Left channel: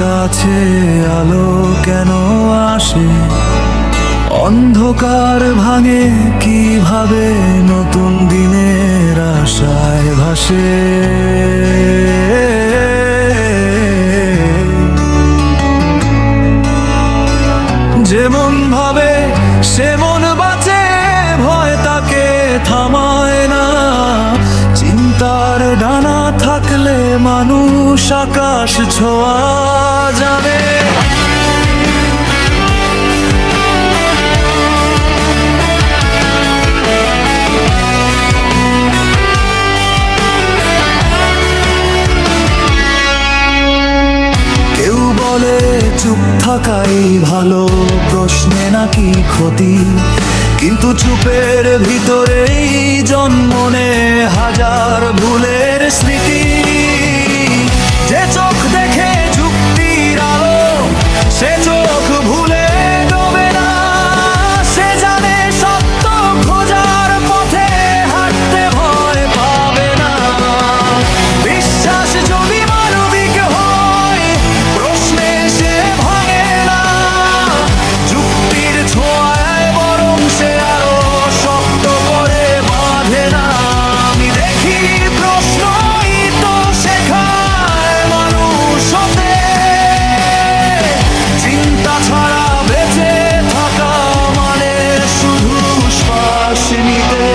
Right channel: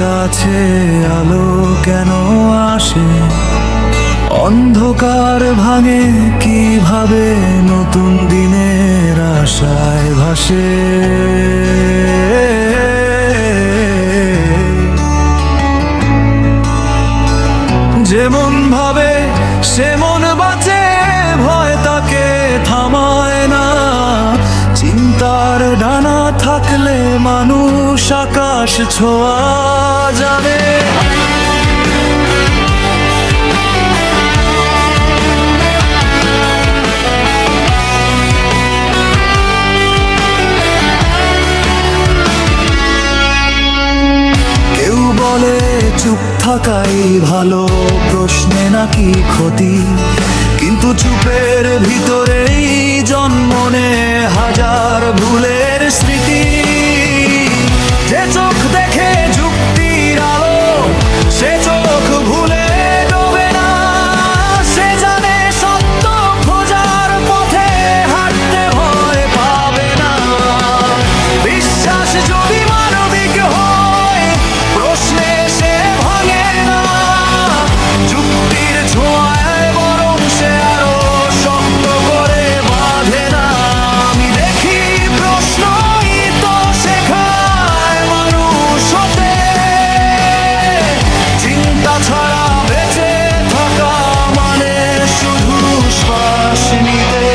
কাছে আলো কেন আসে, অন্ধকার ভাঙে কিভাবে নতুন দিনের আশায় ভাসে। যেমন ভাবে সেমন বাঁচে, ভয় তাকে থামায় না। চিন্তার ডানা থাকলে মানুষ আকাশ ছোঁয়া যাবে। কেউ বলে চুপ থাকাই ভালো, প্রশ্নে নাকি ক্ষতি, কিন্তু চুপের ভিতরেই জন্ম নেয় হাজার ভুলের স্মৃতি। যে চোখ দেখে যুক্তির আলো, সে চোখ ভুলে ডোবে না। সে জানে সত্য খোঁজার পথে হাঁটতে ভয় পাবে না। বিশ্বাস যদি মানবিক হয়, প্রশ্নে সে ভাঙে না। যুক্তির ছোঁয়ায় বরং সে আরো শক্ত করে বাঁধে না। আমি দেখি প্রশ্নই তো শেখায় মানুষ হতে, চিন্তা ছাড়া বেঁচে থাকা মানে শুধু শ্বাস নিতে।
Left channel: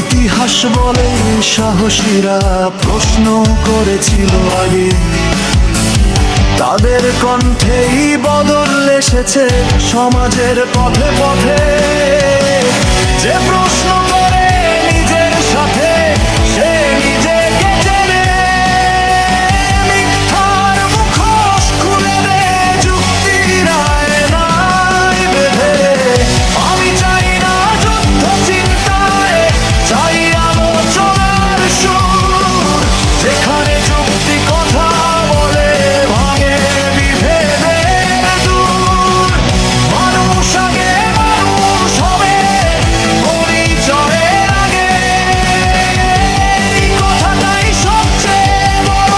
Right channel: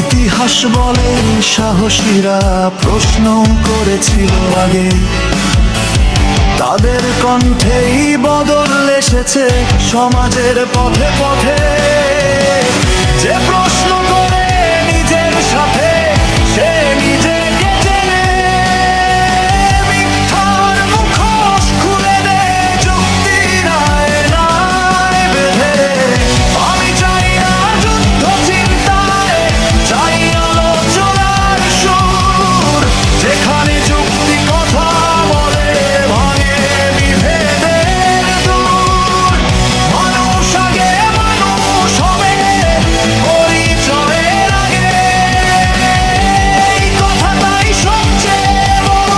ইতিহাস বলে সাহসীরা প্রশ্ন করেছিল আগে, তাদের কণ্ঠেই বদল এসেছে সমাজের পথে পথে। যে প্রশ্ন করে নিজের সাথে, সে নিজেকে চেনে। মিথ্যার মুখোশ খুলে দে যুক্তির আয়নায় বেঁধে। আমি চাই না যুদ্ধ চিন্তায়, চাই আলোচনার সুর, যেখানে যুক্তি কথা বলে ভাঙে বিভেদের দূর। মানুষ আগে মানুষ হবে পরিচয়ের আগে, এই কথাটাই সবচেয়ে বড়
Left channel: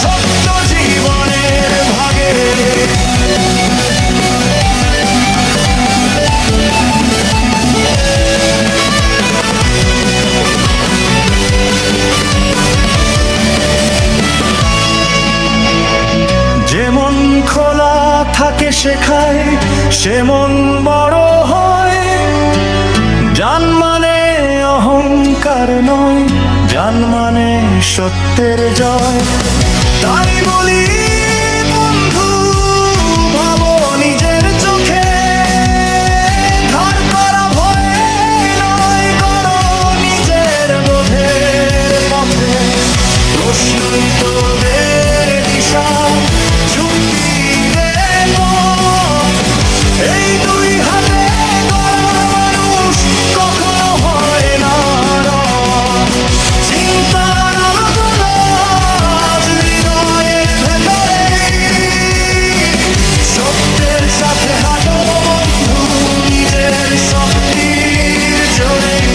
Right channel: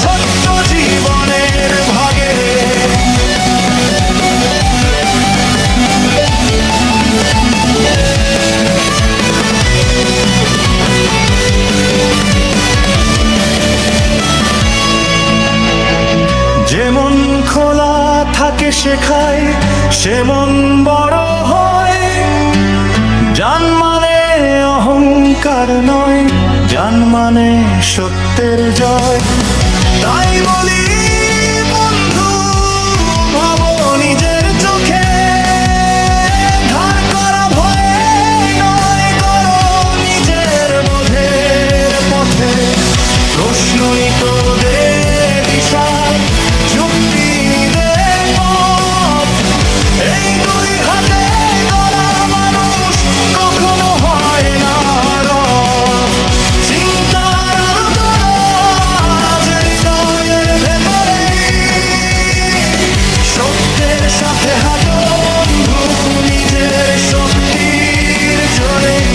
সত্য জীবনের ভাগে। যেমন খোলা থাকে শেখায়, সেমন বড় হয়। জান মানে অহংকার নয়, জান মানে সত্যের জয়। তাই বলি বন্ধু, ভাবো নিজের চোখে, ধার করা ভয়ে নয়, গড়ো নিজের বোধের পথে। প্রশ্নই তো দে দিশা, যুক্তি দে পথ। এই দুই হাতে গড়া মানুষ কখনো হয় না রথ। চিন্তার আলো তোলো আজ হৃদয়ের ভেতরেই, সত্যের সাথে হাঁটো বন্ধু নিজের শক্তির জোরেই।